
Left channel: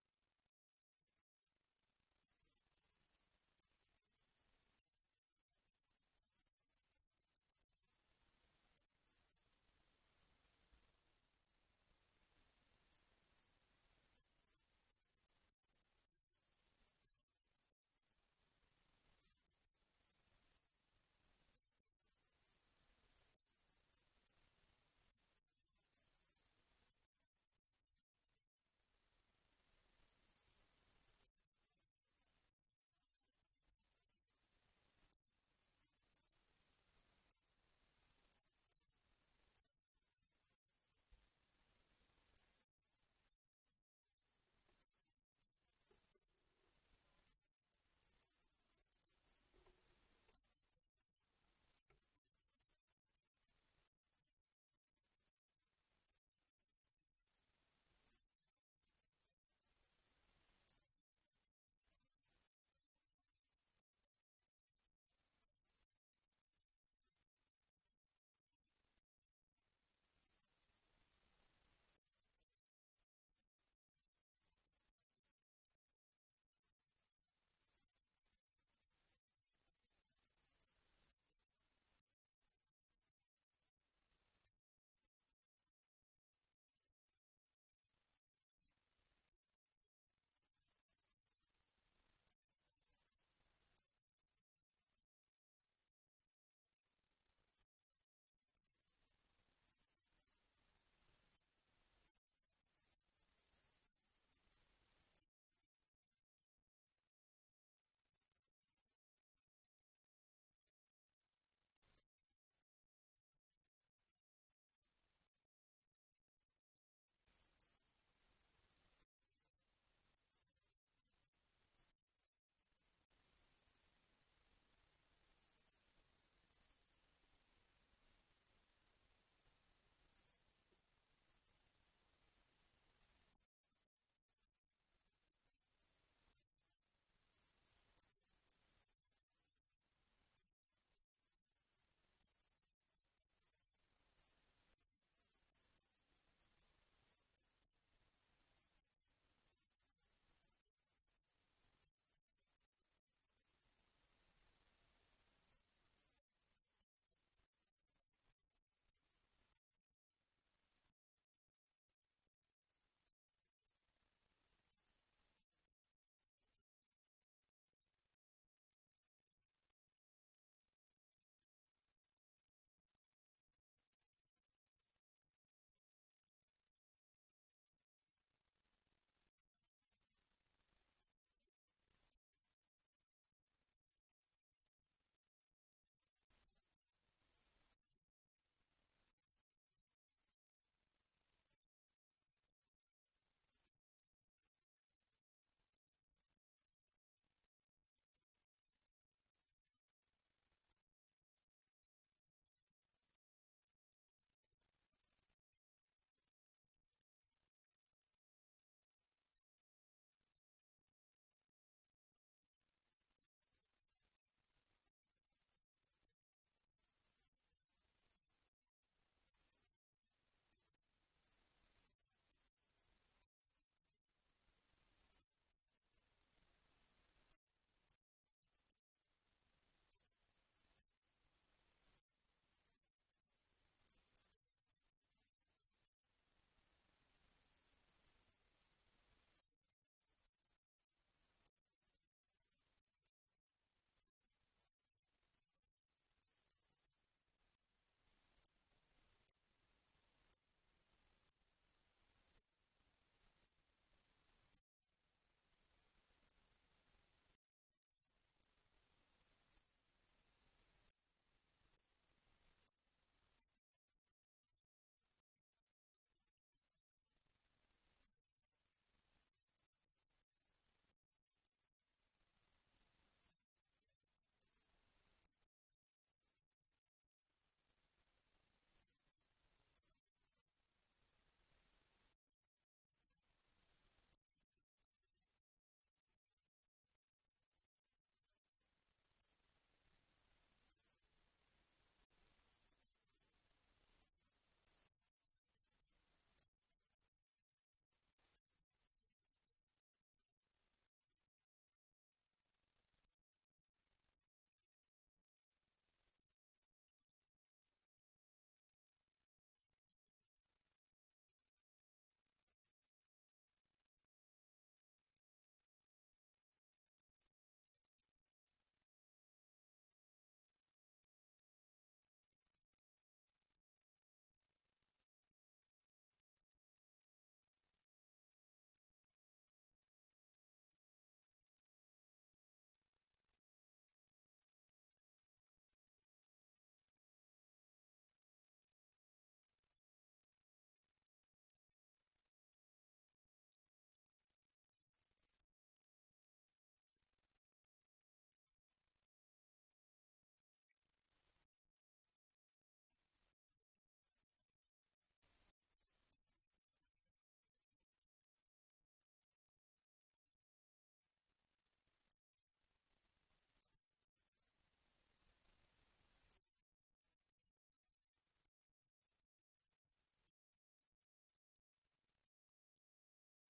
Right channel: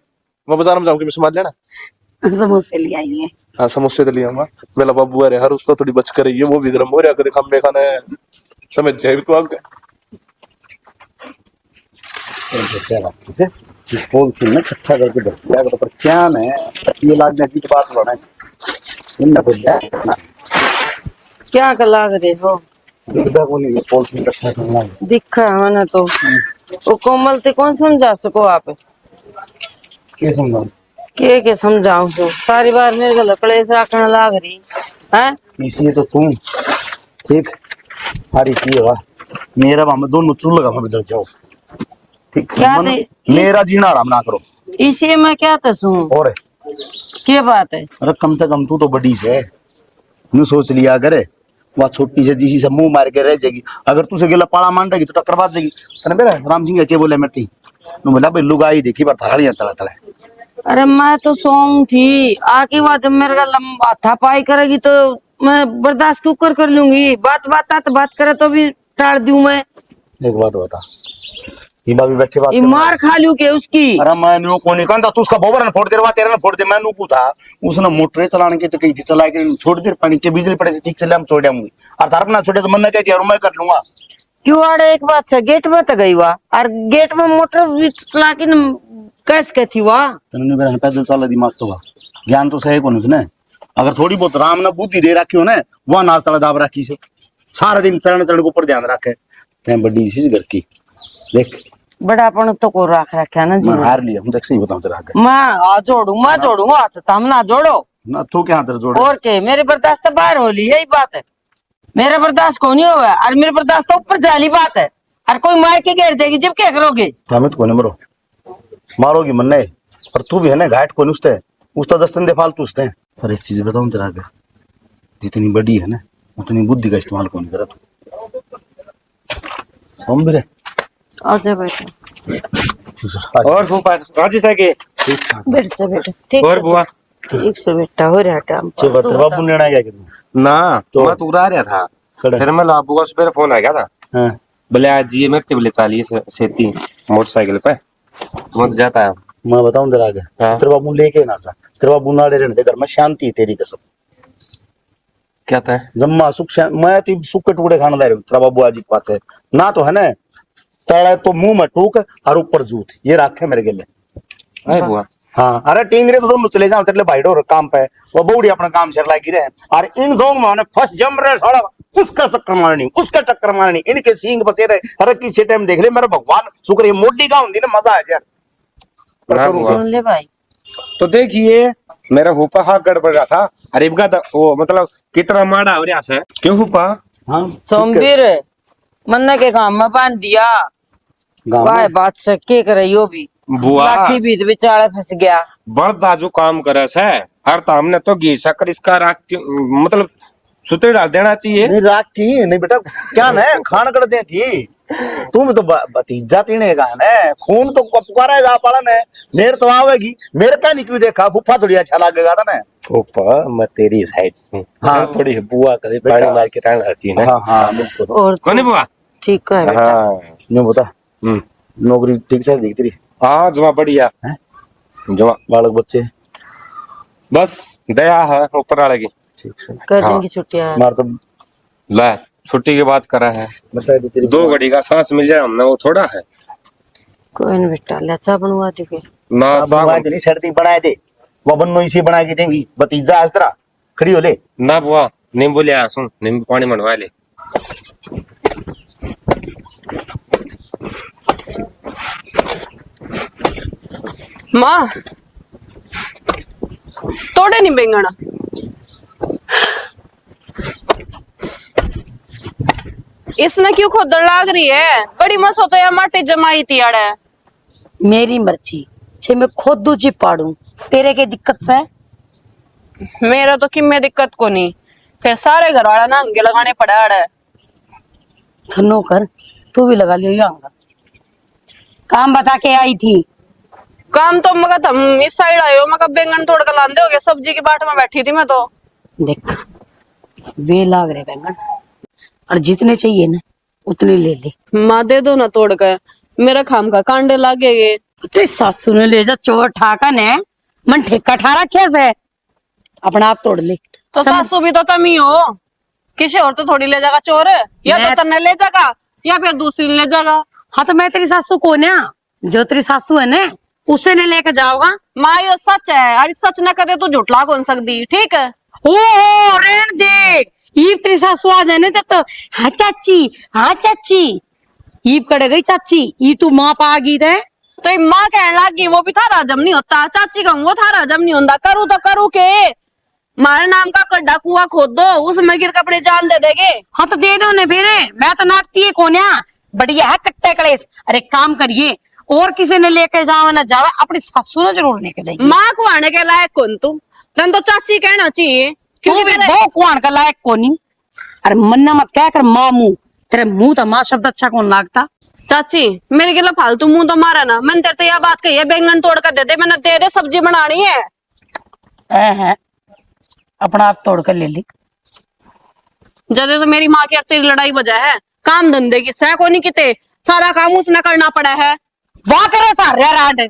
मैं बाजार में जाऊंगी, मैं समझ लेना। समोसे ले आई है। हाँ समोसे तो ले आऊंगा। मेरा बाबू अरे हर उसको थोड़ी बच कर रही है, वो भी गर्म हो रहा करे, खम्बे खाना है, समझ जाए भी तो आगे। बोल थी ना इकट्ठा करके दे पर क्या है ये लागने की बात बना इन बोल क्या कला करे हो? दिखदा को नहीं बोल थी इकट्ठा करना दिखा है ना तो वो कोमल ते कौन समझा सको आप? के समझा के समझाऊं तो सारी बार मेरे को लकड़े से रखने लाग रही है। इसी तो तुम ठीक हरी सी है मेरा हम दोनों चूल लगा हम जल जाओ ठीक क्या मेरा जीना आराम ना करो इसी में क्या तसू और क्या बात है? अरे कम से कम तू तो बड़ी से नु सोच लिया करे वह छोटी से जिसी से मुंह मार के रह जाएगी। अगर तुझे गिला पाला मान रहेगी तो टक्कर बाज जाएगी। तने मेरा राम सिंह के बोले मेरे नु बोला भाई लुगाई देखी पर थालियां तड़ा तड़ा। अरे मैं तो सोऊं थी आके बात मेरे का लंबा था पाई करेगी तो मैं बर्दाश्त क्यों कर लूंगी। बात करे तो भी टाड़ दूं मैं। एक बात बता ये बाबी बैठे बात ये मार खा लूं के उसकी। अरे मैं नो को नहीं कहता तू उसका बोबर न फोड़ दे रहा तेरा न फोड़ दे मैं नु था उसने मोटर चलाने के तो कही थी चला के छोड़ दे पानी के बिजली पड़े ठीक से हम छोड़ दूंगी और तार ना छोड़े तो मन कहती यार मैं कर लूंगा। क्यों आड़े एक बात से गेट में तो गई हुआ और गेट में मोटर भी चला के कैसे कहती हुआ तने मेरा पैदल चला दिमाग तो ज्ञान तो सही कौन उसने अगर थोड़ी बहुत राम ने बुद्धि दे रखी हो ना वह नाच तला दाब रखी से सारा दिन चरण चरण के ऊपर ध्यान रखे ते बड़ी सी घर की देख बड़ापन तो को रख रखा ना जी। मैं हार लिया हूं देख सही बताऊं तेरा आगे मैं जोड़ू हाथ तुम ना जोड़ो ना तू क्या हाथ जोड़ और के मेरे बर्दाश्त बाहर हो ली यही बात है। मेरा बर्दाश्त को नहीं हुआ और मेरे बर्दाश्त तो ऊपर जाली बात है और कोई मार के घेर देगी जब क्या करोगे? हमें कोने मरो मारोगी मन नहीं पर तू भी है ना घाट को नुस्ते उसका 10 दिन दे फालतू उसते पर एक चीज बताऊं तेरा आगे जितनी बड़ी है ना उतनी बुद्धि का इस्तेमाल कौन करे तू सोमबिरे आजा बेटा और फूफा राजी सके बैठ जा बेटा ठीक और बुआ ठीक से बेटा हो रहा टाइम छे बतर बाबू ने गया कि तू ना तो मैं तू रह रहा था खड़े फिर मैं लाबू का सुबह फोन आ गया था हां बोले आज ये मेरे बोले चालिए सेती मोटरसाइकिल पे मैं तो जाता है। मैं बताऊं तेरा आगे हाँ। तेरे बाबू लेके ना सा तेरे बाबू नाड़े रहने दे घर में शांति है तेरी कसम क्या था जम्मा सुख मैं तो सुख के टुकड़े खाना दे रहा हूं तेरा बाबू आज की बात है ना तो है ना तड़े तो मुंह में टूक और ऊपर जूत ये रखे मेरे गले अरे बुआ हाँ अरे टींगरे तो दोनों चले जाओ तेरे भाई डोर काम पे वो बूढ़ी अपना काम चल रहा गिरे और इन दोनों में फर्स्ट जम रहे साला उसका चक्कर मारनी उसका चक्कर मारनी इनके सींग बसे रहे अरे किसी टाइम देख ले मेरा भगवान शुक्र ये मोटी का होती ना मजा आ यार ना बुआ सुन ले भाई तो देखिए मेरा फूफा हाथ गड़बड़ रहा था अरे इनका वो मतलब कितना माड़ा हो रहा है क्यों फूफा हाँ सोमवीर मन्ना के काम में बांध दिया गाँव वाह में बात से के करे यो भी बुआ लाठी बीच बेचारा फंस गया। बड़दा जो काम करे से हर ताम ने तो घी शक्कर इसका राख मतलब सुते डाल देना चाहिए। नहीं राख की नहीं बेटा क्या ना खान कर दे थी तुम तो भतीजा तीने का ना खून तो पुकारेगा पाला ने मेरे तो आवेगी मेरे का नहीं क्यों देखा फूफा थोड़ी अच्छा लगेगा था ना फूफा मैं तेरी साइड से हाँ। थोड़ी बुआ करे पानी मार के रहना चाहिए ना। हाँ हाँ बिल्कुल और कौन बुआ ठीक है बेटा। हाँ नहीं बता नौकरी ठीक से दिखती रही हाँ जमा बढ़िया हैं? जमा बालक बच्चे बस दया है ऊपर वाले की ठीक से कर हाँ। देंगे छुट्टियां। मार तो ला छुट्टी की बात करा है बता दे तेरी 2 घड़ी का सांस मिल जाए हमने वो थोड़ा है कोई नहीं बेटा लच्छा बनवा दे फिर ना बनवा दे नहीं शर्ती बनाए दे वो बन्नो इसी बना के देंगी भतीजा आज तरह खड़ी हो ले ना बुआ नींबू ले आ सुन नींबू पानी मनवा ले माँ तोड़े नहीं बेंगना इसने क्यों खोदड़ लाग रही है बड़ी मसो तो या माटी जमाई थी अड़े। मेरी मर्जी छे मैं खुद दूजी पाड़ू तेरे के दिक्कत से मेरा तो किम्मे दिक्कत को नहीं फिर सारे घर वाला ना अंगे लगाने पड़ा अड़े। थनो कर, तू भी लगा लियो आऊंगा। काम बता के आई थी। काम तो मगर तुम इस साइड आए हो, मगर बैंगन तोड़ कर लांदे हो गए, सब्जी की बाट में बैठी थी मैं तो। देख वे लाग रहे बैंगन, और जितने चाहिए ना उतने ले ले। माँ दे दो ना तोड़ कर, मेरा खाम का कांडे लागेगे। तेरी सासू ने ले जा चोर ठाका ने मन ठेका ठा रखे से, अपना आप तोड़ ले। तो सासू भी तो तुम ही हो, किसी और तो थोड़ी ले जाएगा चोर, या तो तन्ने ले जाएगा या फिर दूसरी ले जाएगा। हाँ तो मैं तेरी सासू को ना, जो तेरी सासू है ना उसे ने लेके जाओगा। माँ यो सच है, अरे सच न करे तो झूठला कौन सकती, ठीक है। ओ रेण देख, ईब तेरी सासू आ जाए ना जब तो हाँ चाची, हाँ चाची, ईब कड़ गई चाची, ई तू माँ पा गई थे। तो ये माँ कहने लगी वो भी थारा हजम नहीं होता, चाची कहूँ वो थारा हजम नहीं होता, करूँ तो करूँ के, हमारे नाम का गड्ढा कुआं खोद दो, उसमें गिर कपड़े जान दे देगे। हाँ तो दे दो ने फिर, मैं तो नापती है कोन्या, बढ़िया है कट्टे कलेस। अरे काम करिए, और किसी ने लेके जावे ना जावे, अपनी सासू ने जरूर लेके जाइए। माँ को आने के लायक कौन तू, तन तो चाची कहना चाहिए, तू क्योंकि भी मेरे वो कुआन का लायक कोनी। अरे मन्ना मत कह कर माँ मुंह, तेरे मुंह तो माँ शब्द अच्छा कौन लागता। चाची मेरे गिला फालतू मुंह तो मारा ना, मैंने तेरे तो यह बात कही है बैंगन तोड़ कर दे दे, मैंने दे दे सब्जी बनानी है। अपना आप तोड़ कर ले ली। जदे तो मेरी माँ की और तेरी लड़ाई वजह है, काम धंधे की सह को नहीं किते, सारा काम उसने करना पड़ा है। वाह करे सारे राड,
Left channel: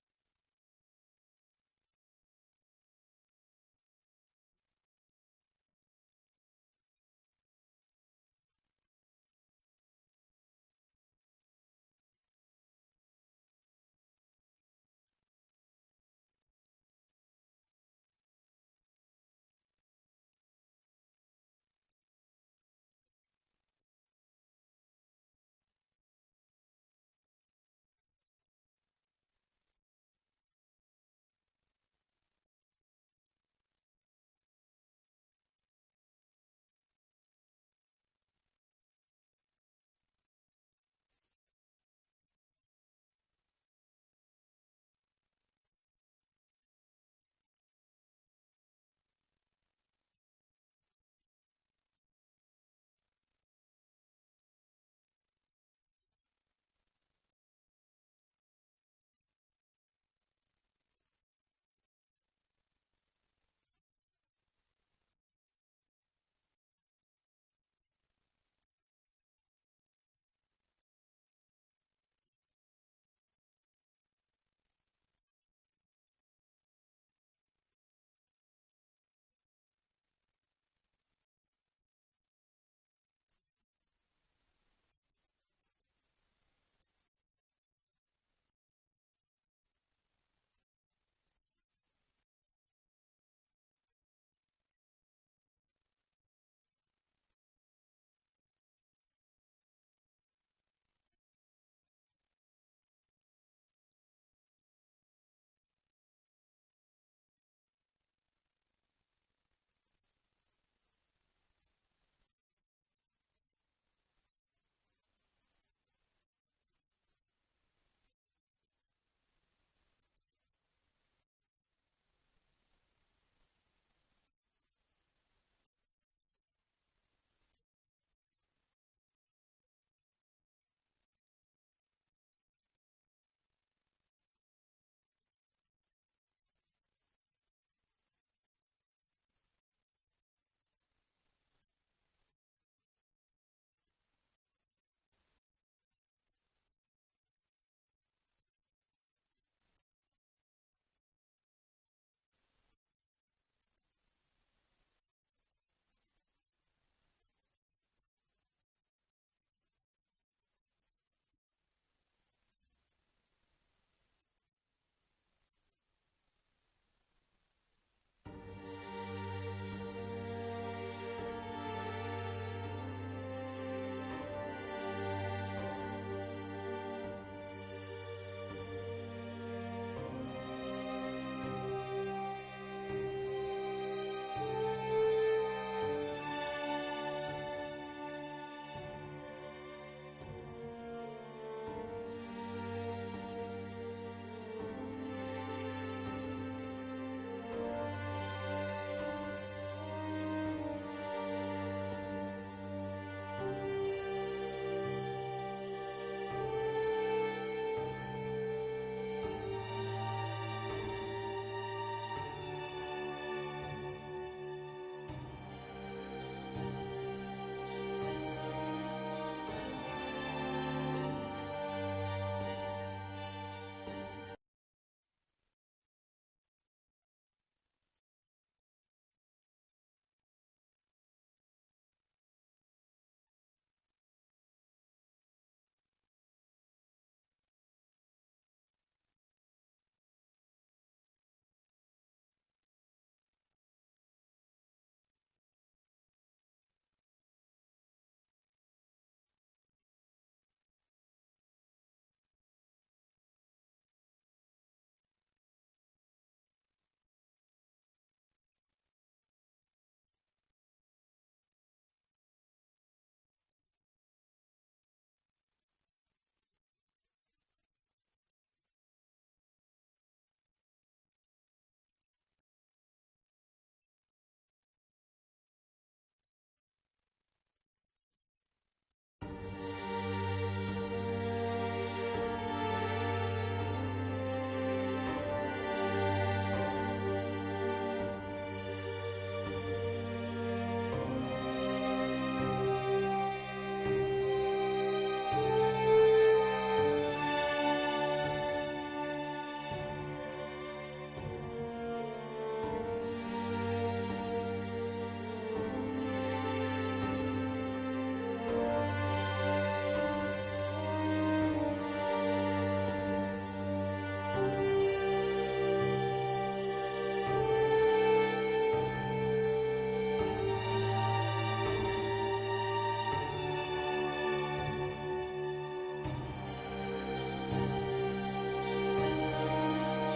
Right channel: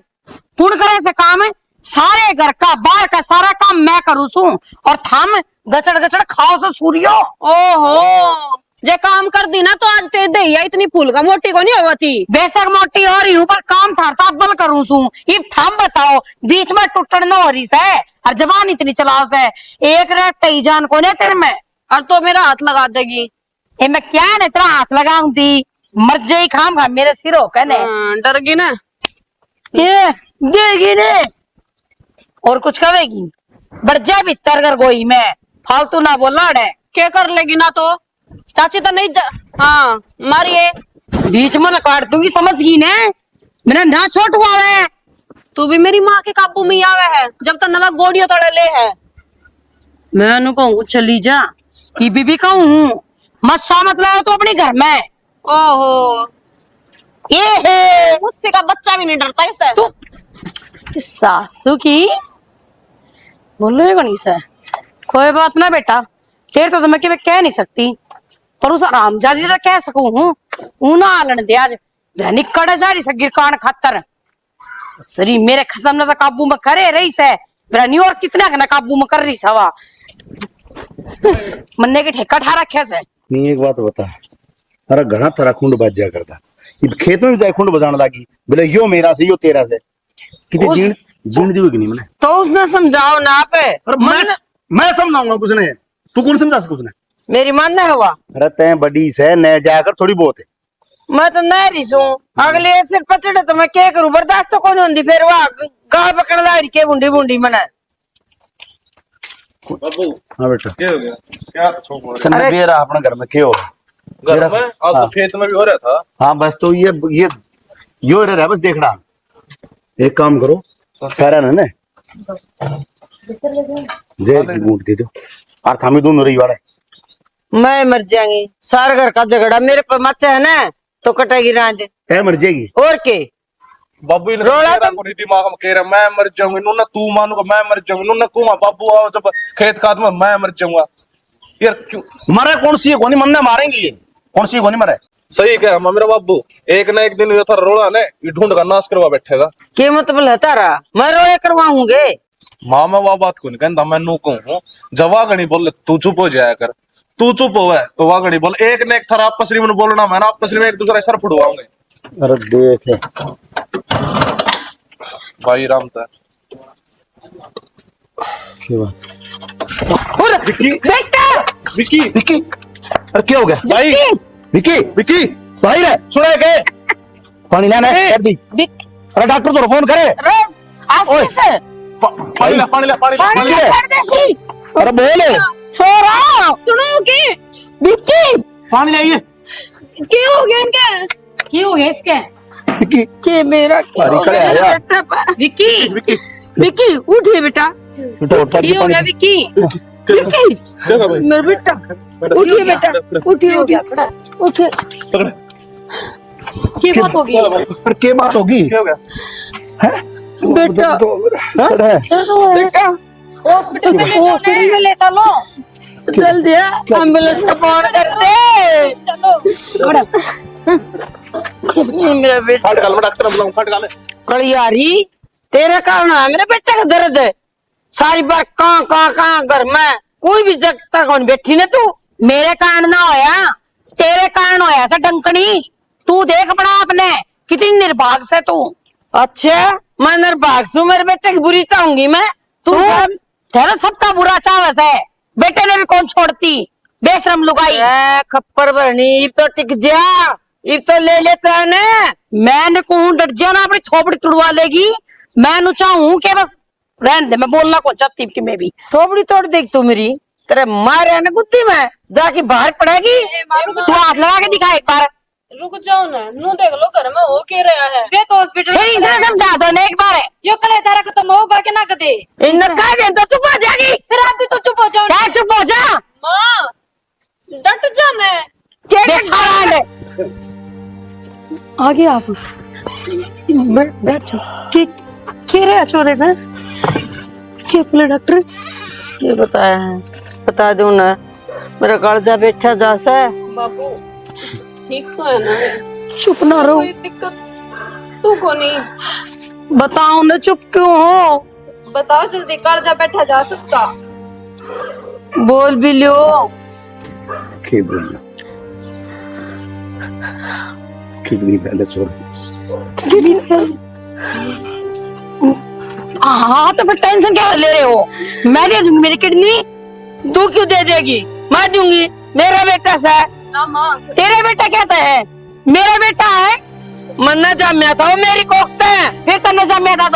पुण करे से काम है, सारे घर का बाहर का सारा काम मैं करूँ सू, और थाम गचड़ गचड़ खाओ से सूर्यो। ओहो जे काम कर दी ना तो आज तेरे दहिया इतनी फूल का मोटी को नहीं होती। बेशक मोटी हो रही हूँ पर काम थारता बल करूँ सू। इब थाम बताओ, बीच में टुटन न हो रही से, और जबान इतनी चलाओ से, एक रेट तई जान को ने तेरे में, और तो मेरा हाथ लगा देगी। ए मैं क्या न तेरा हाथ लगाऊं दी, मर जाई खाम खा मेरे सिरो कने। डर गई ना, ये देगी ने, और कुछ कहेगी, बढ़ जा भीतर कर गोई में, फालतू ना बोला है। क्या कर लेगी ना तो, चाची तो नहीं हाँ मारिए, बीच में काट दूंगी, समझ गई ने, मैंने ना छोट हुआ है। तू भी मेरी माँ के काबू में ही आवे है, जब तक नमक गोड़ियों तोड़े ले है। मैं उन्हें कहूँ चली जा, की बीबी कहूँ मत शामत लाओ तो अपने घर में। ओहो ये है मुझसे का बच्चा भी नहीं डरता इससे। तू सासू की बोलो नहीं सर, कोई बात ना बेटा, तेरे तो मैं कह नहीं सकती, पर उस आरामजादी तो कह सकूं हूँ। ऊना आलन दे आज निकड़ जा रही से गिरकान खातर, सरी मेरे खसम ने तो काबू में करे रही से, मेरा नहीं और कितना ना काबू में कर रही सवा, मन्ने के ठेका ठा रखे से। नहीं एक बात बता, अरे घना तरह खुंड बज जा करता, इब खेत में भी जाए खुंड बजाने लगी, बोले यो मेरा से यो तेरा से, कितनी जीण जीण दी होगी नहीं मैंने। तो उसने समझाओ ना आप। अरे मैं समझाऊंगा कुछ ने, तू कौन समझा सके उसने। मेरी मन न हुआ, अरे तय बड़ी से न जाकर थोड़ी बहुत है। मैं तो नहरी सू, अगले सिर पचड़े तो मैं क्या करूं, बर्दाश्त तो कौन होती, फिर वह गाय पकड़ ला रही के बूंदी बूंदी मना। बाबू हाँ बेटा क्या हो गया, क्या छोक मारे चल मैं रहा अपने घर में क्यों घर में, आज तो खेत में भी हो रहा था। हाँ बस तो ये यो रह रहा है, बस देखना। एक काम करो सारा ना जे बूट दे दो, और थामी दोनों रही वाला मैं मर जाएंगी, सारे घर का झगड़ा मेरे पर मचा है ना, तो कटेगी रांझ तय मर जाएगी। और के बाबू ने रोला तेरा को दिमाग में कह रहा मैं मर जाऊंगी, इन्होंने तू मानूगा मैं मर जाऊंगी, इन्होंने कुआं बाबू आओ जब खेत खाद में मैं मर जाऊंगा। यार क्यों मरे कौन सी है, कौन मन मारेंगे ये, कौन सी कौन मरे। सही कहा मेरा बाबू, एक ना एक दिन ये था रोला ने ये ढूंढ का नाश करवा बैठेगा। के मतलब है तारा, मैं रोए करवाऊंगे। माँ मैं वह बात को नहीं कहता, मैं नू कहूँ जब वागणी बोले तू चुप हो जाया कर, तू चुप हो तो वागणी बोल, एक ने एक थारा आपस में बोलना, मैं ना आपस में एक दूसरे सर फुड़वाऊंगे। अरे देख भाई राम था बेटा विकी विकी, अरे क्या हो गया भाई, विकी विकी भाई रे सुना के पानी लाना है कर दी। अरे डॉक्टर तो फोन करे। आशीष पानी ला पानी ला पानी ला पानी है। परदेसी अरे बोले छोरा सुनो के विक्की, पानी लाइए। क्या हो गया इनके, क्या हो गया इसके? विकी के मेरा क्या अरे हो करे गया आया। बेटा, विक्की विकी विकी उठिए बेटा, तो उठा क्या हो गया विक्की? विक्की क्या कर भाई मेरा बेटा उठिए बेटा, उठिए उठिए उठिए। पकड़। की बात होगी? पर क्या बात होगी? क्या हो गया? बेटा बेटा हॉस्पिटल में ले चलो। जल्दी एम्बुलेंस का फोन कर दे। चलो मेरा बेटा फट गाल में डॉक्टर बुलाऊं, फट गाल। कलियारी, तेरे कारण है मेरे बेटे का दर्द है। सारी बार कहाँ घर में कोई भी जगह कौन बैठी ना तू। मेरे कारण ना होया, तेरे कारण होया सा डंकनी। तू देख बड़ा आपने कितनी निर्भाग से तू। अच्छा मैं निर्भाग हूँ, मेरे बेटे की बुरी चाहूंगी मैं। तू तेरा सबका बुरा चावस है, बेटे ने भी कौन छोड़ती बेशरम लुगाई। खप्पर भरनी इब तो टिक जा, इब तो ले लेता है ना। मैंने कहूं डट जाना, अपनी थोपड़ी तुड़वा लेगी। मैं नु चाहूं कि बस रहने दे, मैं बोलना कौन चाहती कि मैं भी थोपड़ी तोड़ देख तू मेरी, तेरे मारे ना गुद्दी में जाके बाहर पड़ेगी। तू हाथ लगा के दिखा एक बार। रुक जाओ ना, नू देख लो घर में हो के रहा है। वे तो हॉस्पिटल फिर इसे समझा दो ना एक बार। यो कड़े तारा खत्म होगा कि ना कदे। इन्हें कह दे तो चुप हो जाएगी। फिर आप भी तो चुप हो जाओ। क्या चुप हो जा? माँ डट जाना है। बेसारा है। आगे आप बैठ जाओ। क्या रे अचोरे का क्या बोले डॉक्टर? ये बताया है, बता दो ना। मेरा कालजा बैठा जासा है। बाबू ठीक तो है ना? चुप ना रहो। कोई दिक्कत तू को नहीं? बताओ ना चुप क्यों हो? बताओ जल्दी, कालजा बैठा जा सकता? बोल भी लियो। किडनी पहले छोड़। हाँ तो फिर टेंशन क्या ले रहे हो? मैं दे दूंगी मेरी किडनी। तू क्यों दे देगी? मैं दूंगी, मेरा बेटा सा है। ना माँ तेरे बेटा कहता है मेरा बेटा है। मन्ना जम्या था वो मेरी कोखते है। फिर तन्ने जम्या था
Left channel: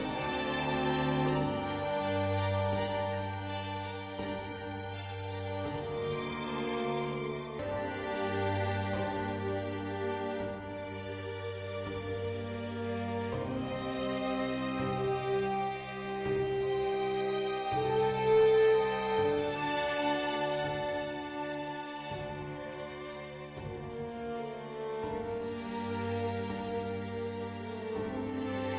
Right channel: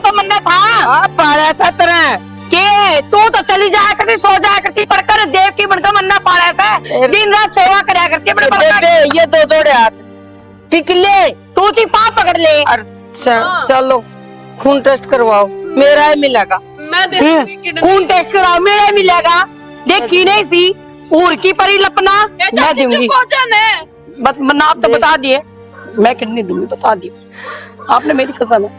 तो मन्ना था पाला था तेरा के तू तो चली जाया करती, सो जाया करती, पढ़कर देव की बनकर मन्ना पाला था। दिन रात सेवा कराया करती अपने बेटे, ये दो जोड़े हाथ टिक ले। तू ची पाप पकड़ ले। अच्छा चलो खून टेस्ट करवाओ, मेरा ही मिलेगा। मैं दे दूंगी किडनी। खून टेस्ट कराओ, मेरा मिलेगा। देखी नहीं सी ऊर की परी लपना मैं दूंगी। मन्ना आप तो बता दिए, मैं किडनी दूंगी, बता दिए आपने, मेरी कसम है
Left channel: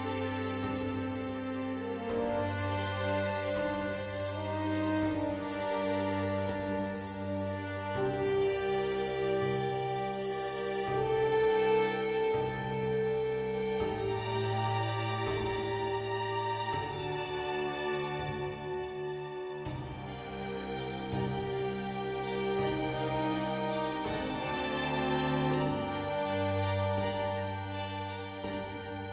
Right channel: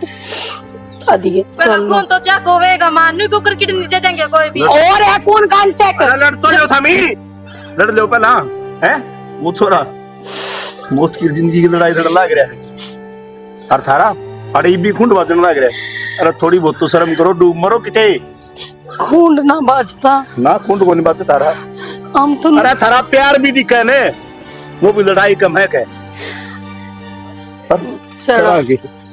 बता दिए। खून तो चेक होवेगा मां, न्यू कुकर किडनी दे देंगे कोई भी। और है खून कान चेक। लड़ तो जो था मी लड़ लो पहला है वो छोरा मौत की जिंदगी की लड़ाई लड़ लाग रहा है। और थारा अरे भी खून बाजन लाग रहा है। अरे थोड़ी बहुत तो शर्म करो, डूब मरो किते। खून ना बाजता ना खून को नहीं बाजता थारा। हम तो अरे थारा प्यार भी दिखा ने, वो भी लड़ाई कम है क्या?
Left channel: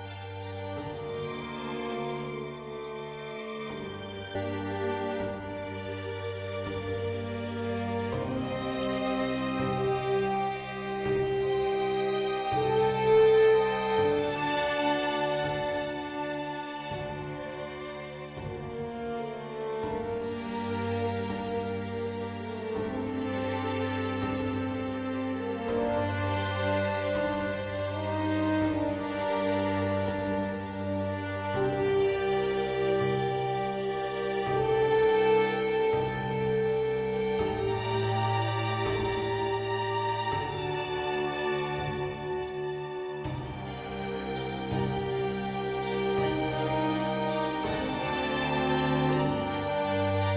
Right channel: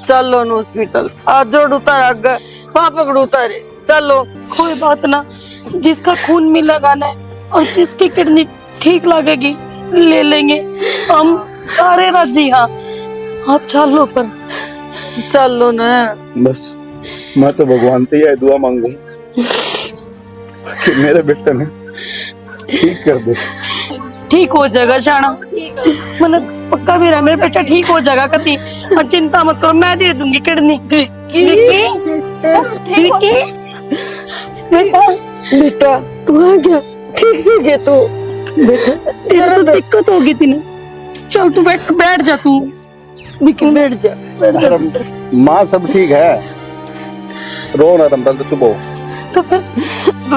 चलो न हॉस्पिटल, आज जोड़ उतार आगे वहां पकड़ उतारे। चलो कोई बात ना, जिसका खून मिलेगा ना और जिसकी किडनी ठीक लगेगी ले लेंगे हम सारे राजी। हाँ आप चलो पर चलो ना। बस मैं तो भगवान से यह दुआ मांगू कि मेरे बेटे ने ठीक कर दे। ठीक हो जाएगा शाना, मैंने पक्का भी रहा मेरा बेटा ठीक हो जाएगा कति। और चिंता मत करो, मैं दे दूंगी किडनी। बेटा तू आ गया, ठीक से गया तू। बेटा तेरा तो दिक्कत होगी थी। चल तू बैठ जा तू, लेकिन बैठ जा। माँ सब ठीक है, रो ना तुम, तो चुप हो। तो फिर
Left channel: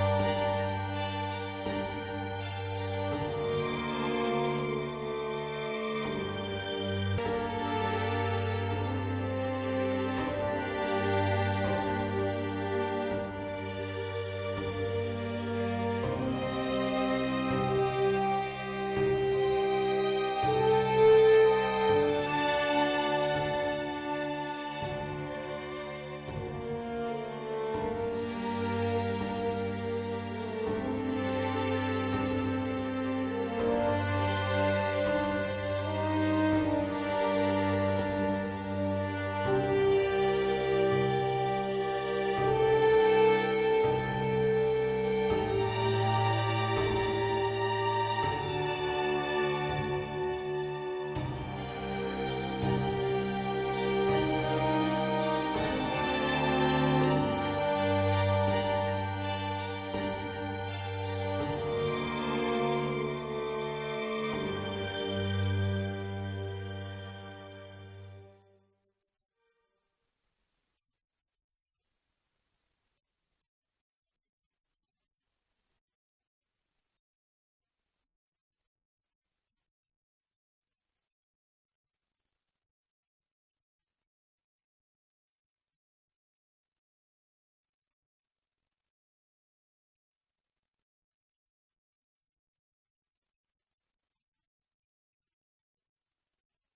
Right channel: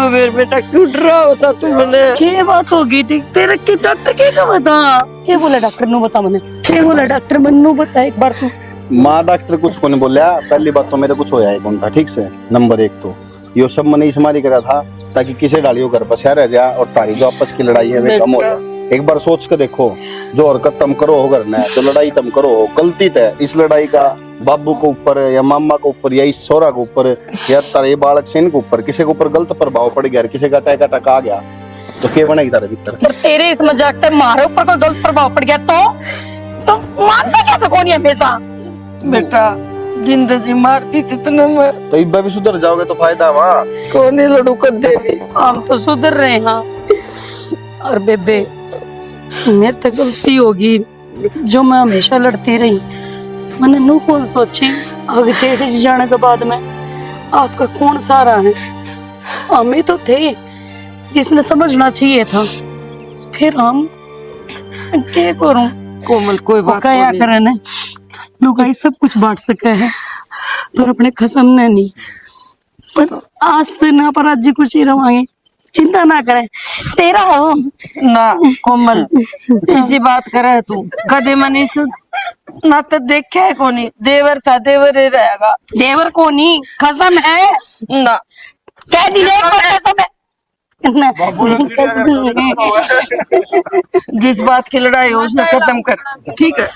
मेरे बेटा क्यों डरा होता तू मैंने? क्या बात हो गई थी तेरे की? डॉक्टर क्या बता, क्या बोला डॉक्टर ने? बता मैंने क्या बोला डॉक्टर? मन्नू बता एक बार तू। माँ डॉक्टर कुछ को नहीं बोलिया। पहली बात तो मेरे कुछ होया है कौन था, ठीक से। नंबर एक तो यो सब मैंने इसमारी करा था ताकि किसे डालियो घर बसा रह जाए और तारी जो आपस की लड़ाई है वे कम हो जाए। एक बार सोच के देखो, जो हरकत तुम करो हो घर में, जो लड़ाई तुम करो हो, गलती है इस लड़ाई का बाबू के ऊपर या मामा के ऊपर या इस छोरा के ऊपर या तारे बालक सेन के ऊपर, किसी के ऊपर गलत प्रभाव पड़ गया, किसी का अटैक आ गया तो क्या बनेगी तारे भीतर? पर तेरे इस मजाक पे मारे ऊपर कोई गलत प्रभाव पड़ गया तो मानता कैसे कौन है हमेशा? बेटा जिंदगी मारती थी तूने मैं, तो इब भी सुधर जाओगे तो फायदा वहाँ। कौन ही लड़ू कर देगी। हम तो सुधर रहे हैं। और बेबे मेरे तो गलती होगी जो मैं हमेशा लड़ती रही। मैंने नू कौन सोची आगे जेठ जी जाने के बाद में आपका कौन सारा है? हमें तो थे जिसने समझना चाहिए था। फिर हम क्या करूं? कोमल कोई बात क्या नहीं। करे ना, लुगाई सब कुछ बांट सके है पर अपने खसम ने नहीं। पर आज तो ना पर आज कुछ ही रवांगे, चिंता ना करे, तेरा हो ना कोमल इसी बात करे तू कदे मनीष ना तो देखा है कोनी, देवर था देवर ही रहेगा। देवर को नहीं, कसम है ना कह दी एक बार कसम है ना, जिस बात की लड़ाई हो उसने खत्म कर, ठीक है।